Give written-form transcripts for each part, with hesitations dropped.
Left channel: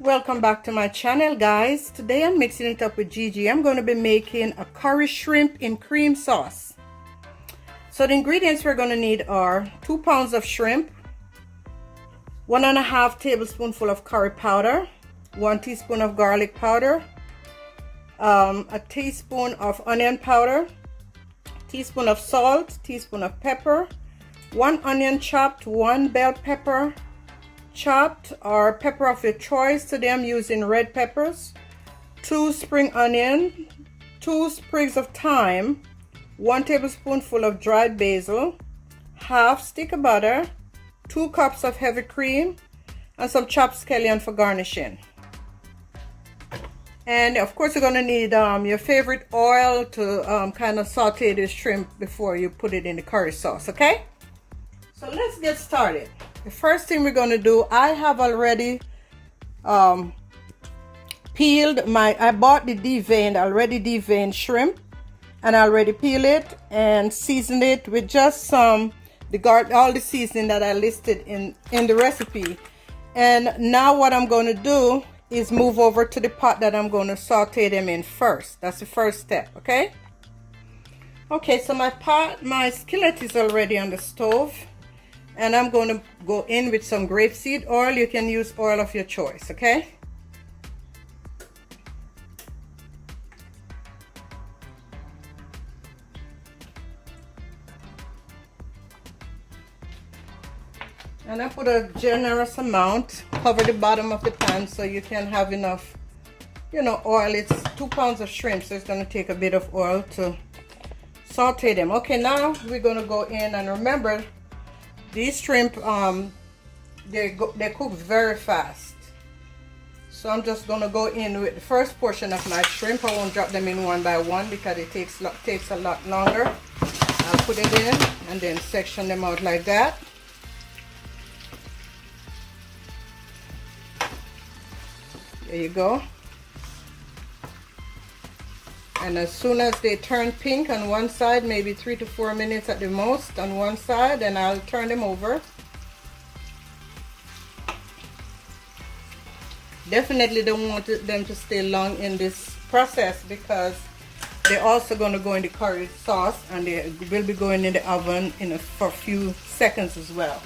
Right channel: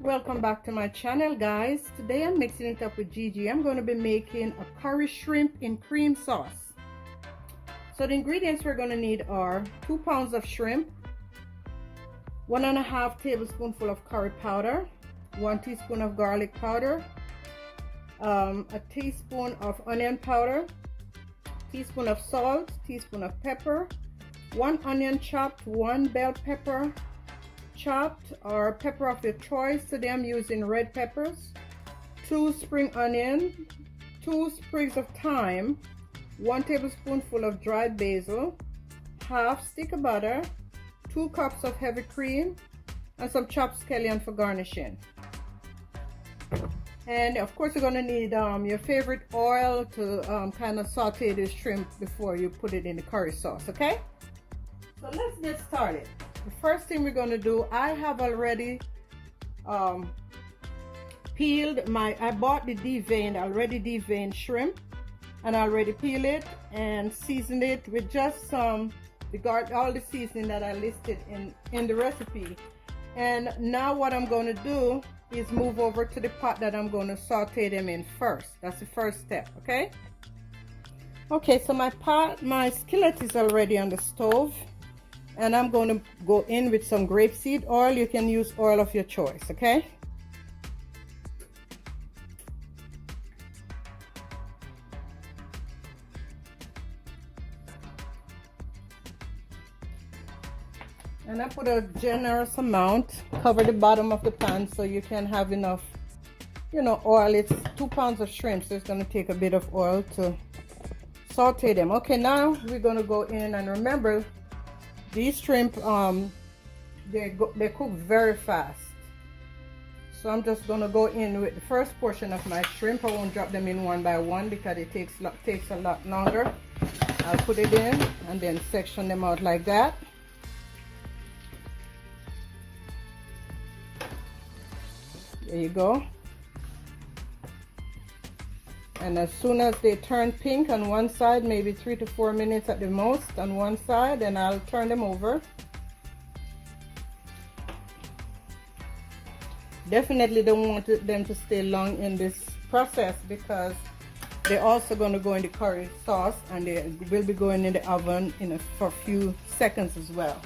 Welcome back to my channel, guys. Today I'm mixing it up with Gigi. I'm going to be making a curry shrimp in cream sauce. So the ingredients we're going to need are 2 pounds of shrimp, 1.5 tablespoonful of curry powder, 1 teaspoon of garlic powder, a teaspoon of onion powder, teaspoon of salt, teaspoon of pepper, 1 onion chopped, 1 bell pepper chopped or pepper of your choice. Today I'm using red peppers, 2 spring onion, 2 sprigs of thyme, 1 tablespoonful of dried basil, half stick of butter, 2 cups of heavy cream, and some chopped scallion for garnishing. And of course you're going to need your favorite oil to kind of saute this shrimp before you put it in the curry sauce. Okay, so let's get started. The first thing we're going to do, I have already peeled I bought the already deveined shrimp, and I already peeled it and seasoned it with just some all the seasoning that I listed in the recipe. And now what I'm going to do is move over to the pot that I'm going to saute them in first. That's the first step. Okay, so my skillet is already on the stove, and I'm going to go in with some grapeseed oil. You can use oil of your choice. Okay, and I put a generous amount, cover the bottom of the pan so you can have enough, oil. It's 2 pounds of shrimp, so it's going to take a bit of oil to saute them. Okay, now we're going to go in, and remember, these shrimp, they cook very fast. So I'm just going to go in with the first portion of my shrimp. I won't drop them in one by one because it takes a lot longer. I'll put it in and then section them out like that. There you go. And as soon as they turn pink on one side, maybe 3 to 4 minutes at the most on one side, and I'll turn them over. Definitely don't want them to stay long in this process because they're also going to go in the curry sauce, and they will be going in the oven for a few seconds as well.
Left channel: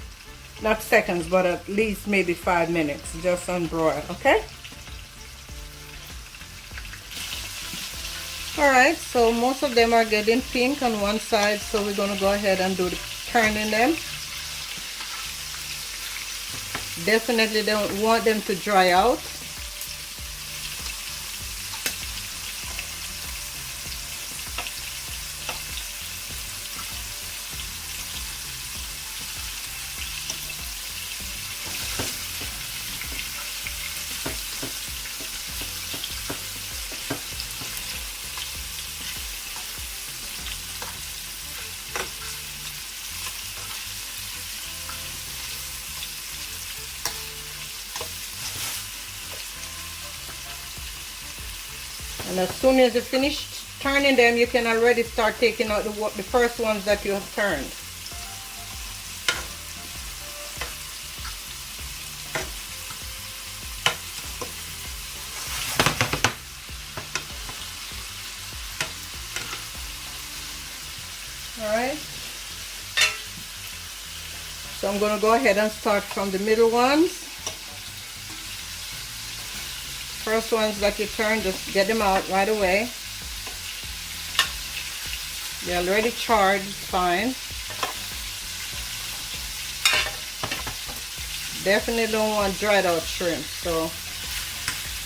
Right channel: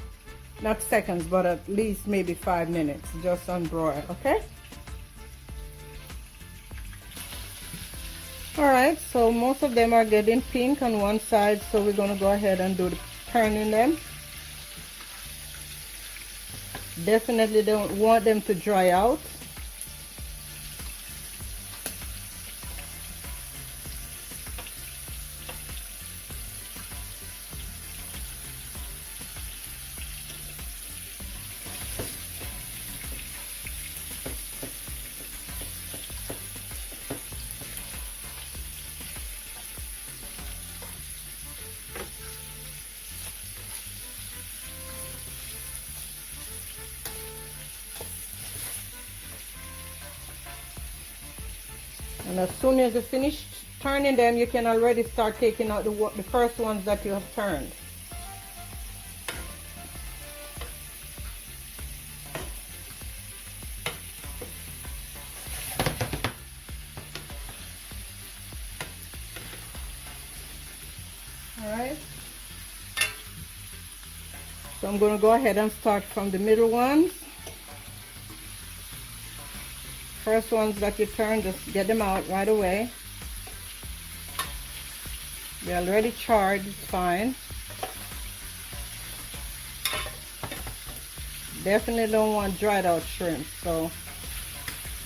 Not seconds, but at least maybe 5 minutes, just on broil. Okay. Alright, so most of them are getting pink on one side, so we're going to go ahead and do the turning them. Definitely don't want them to dry out. And as soon as you finish turning them, you can already start taking out the first ones that you have turned. Alright. So I'm going to go ahead and start from the middle ones. First ones that you turn, just get them out right away. They're already charred, it's fine. Definitely don't want dried out shrimp, so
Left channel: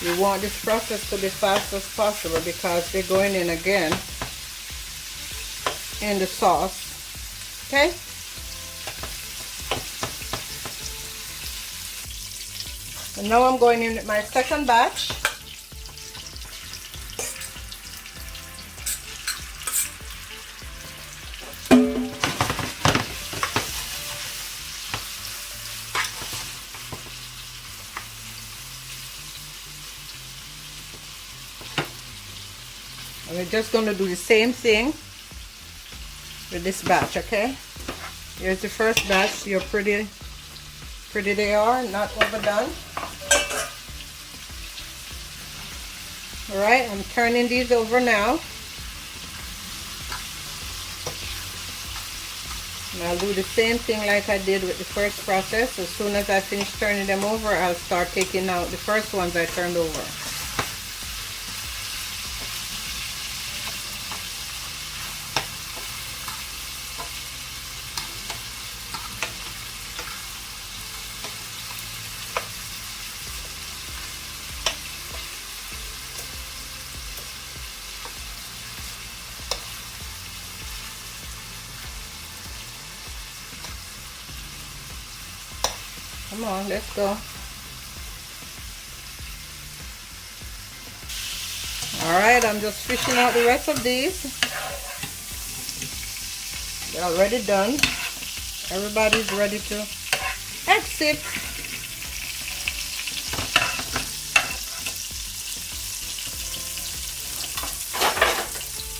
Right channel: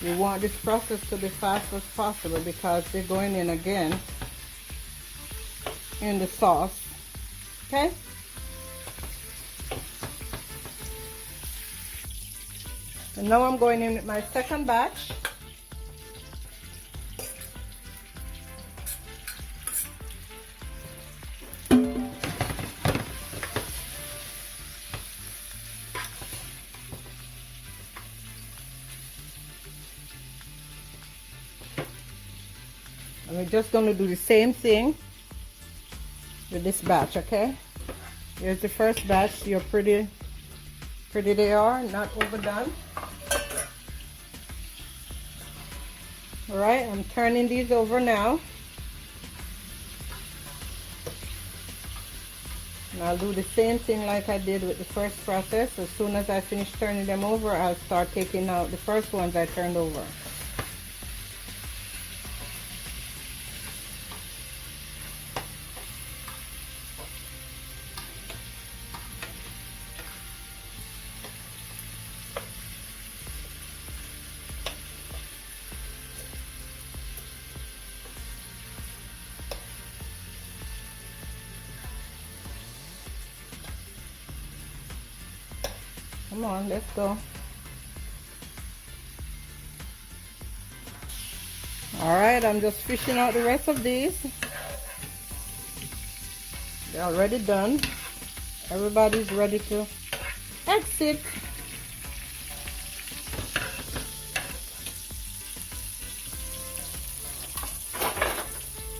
you want this process to be fast as possible because they're going in again in the sauce. Okay? And now I'm going in with my second batch. And we're just going to do the same thing with this batch, okay? Here's the first batch. You're pretty they are, not overdone. All right, I'm turning these over now. And I'll do the same thing like I did with the first process. As soon as I finish turning them over, I'll start taking out the first ones I turned over. Come on, let's go. All right, I'm just fishing out the rest of these. They're already done. Everybody's ready to exit.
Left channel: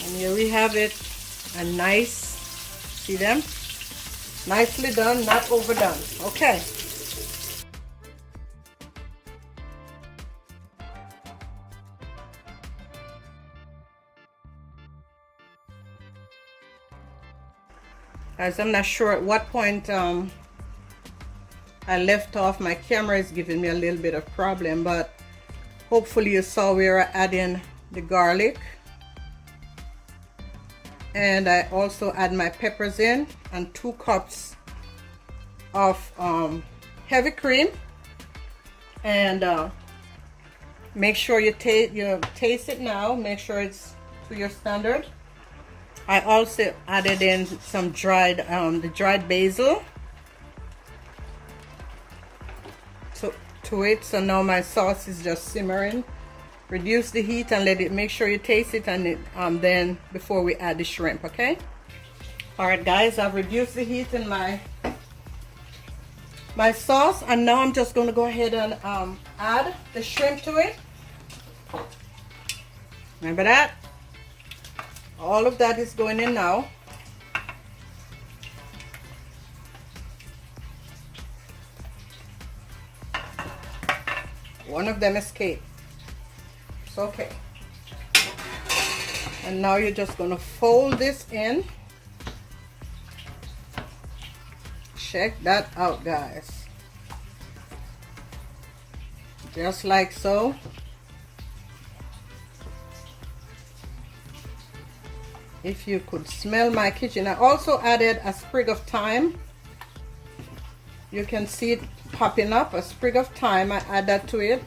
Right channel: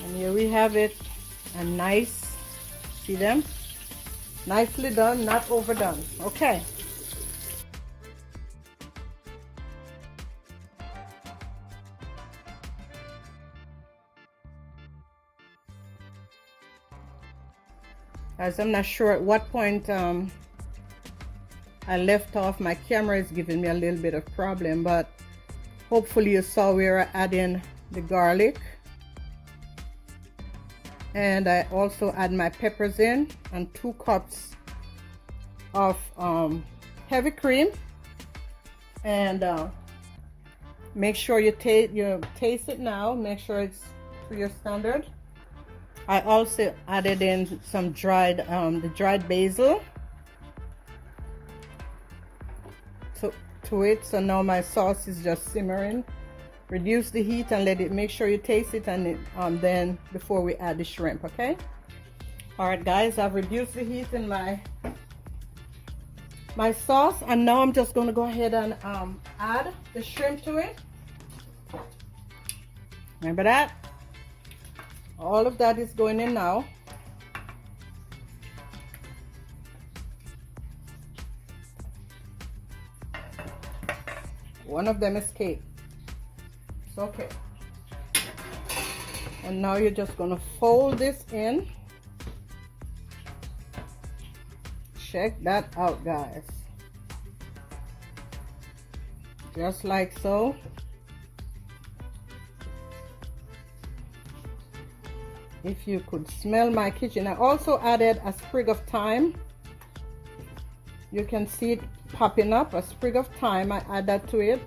And here we have it. A nice, see them? Nicely done, not overdone. Okay. As I'm not sure at what point I left off, my camera is giving me a little bit of problem, but hopefully you saw we were adding the garlic, and I also add my peppers in, and 2 cups of heavy cream, and make sure you taste it now. Make sure it's to your standard. I also added in some dried basil to it. So now my sauce is just simmering. Reduce the heat and let it, make sure you taste it, and then before we add the shrimp, okay? All right, guys, I've reduced the heat in my sauce, and now I'm just gonna go ahead and add the shrimp to it. Remember that? All of that is going in now. One of them escaped. It's okay. And now you're just going to fold this in. Check that out, guys. Just like so. If you could smell my kitchen. I also added a sprig of thyme. You can see it popping up, a sprig of thyme. I add that to it.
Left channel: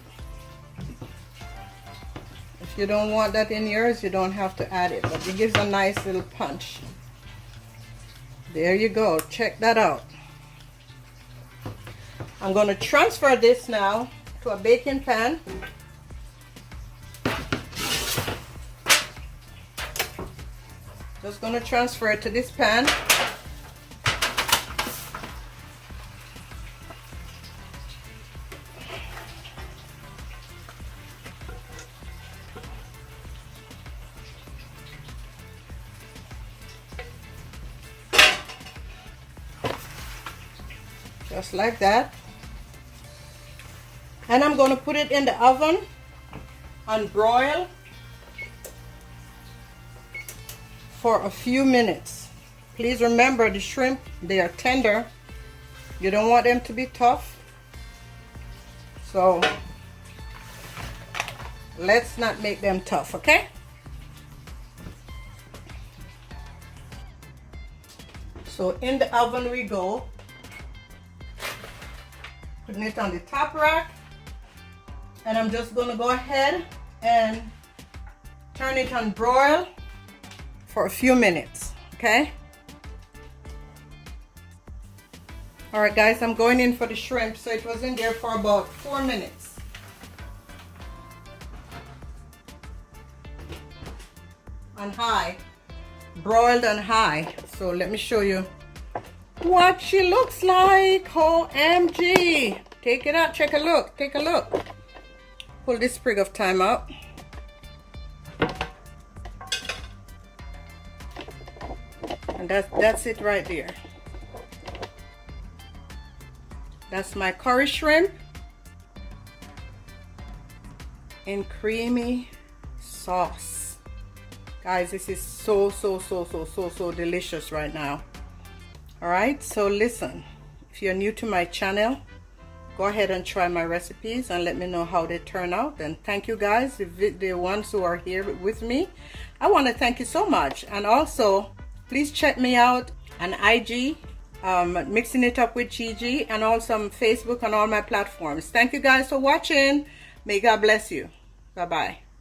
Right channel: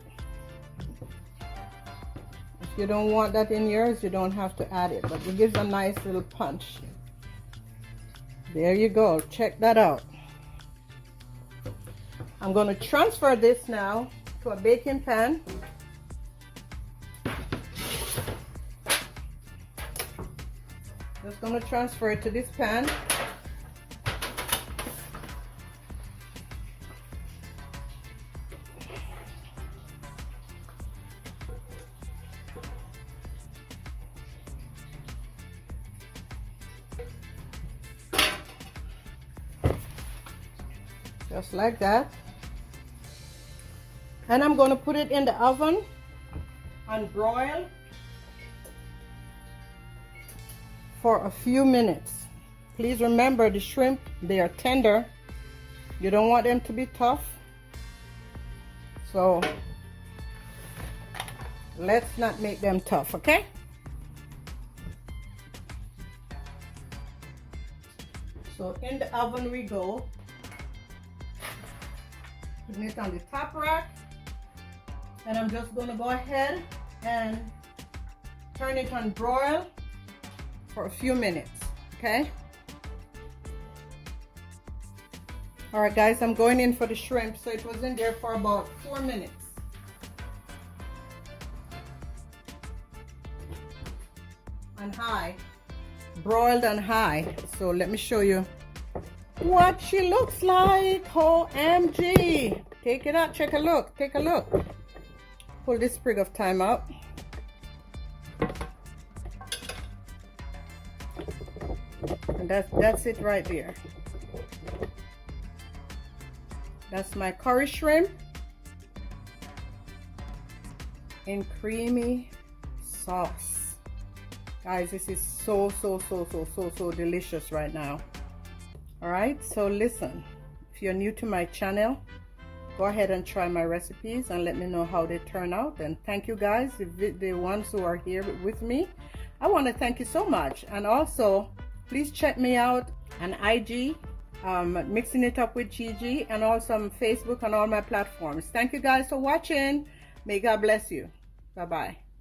If you don't want that in yours, you don't have to add it, but it gives a nice little punch. There you go. Check that out. I'm going to transfer this now to a baking pan. Just going to transfer it to this pan. Just like that. And I'm going to put it in the oven and broil for a few minutes. Please remember, the shrimp, they are tender. You don't want them to be tough. So let's not make them tough, okay? So in the oven we go. Putting it on the top rack. And I'm just gonna go ahead and turn it on broil for a few minutes, okay? All right, guys, I'm going in for the shrimp. So it was in there for about 4 minutes. On high, broiled on high. So let me show you what she looks like. OMG. Take it out, take a look, take a look. Pull this sprig of thyme out. And that's it right there. That's my curry shrimp in creamy sauce. Guys, this is so delicious right now. All right, so listen, if you're new to my channel, go ahead and try my recipes and let me know how they turn out. And thank you guys, the ones who are here with me. I want to thank you so much. And also, please check me out on IG, Mixing It Up with Gigi, and also on Facebook and all my platforms. Thank you guys for watching. May God bless you. Bye-bye.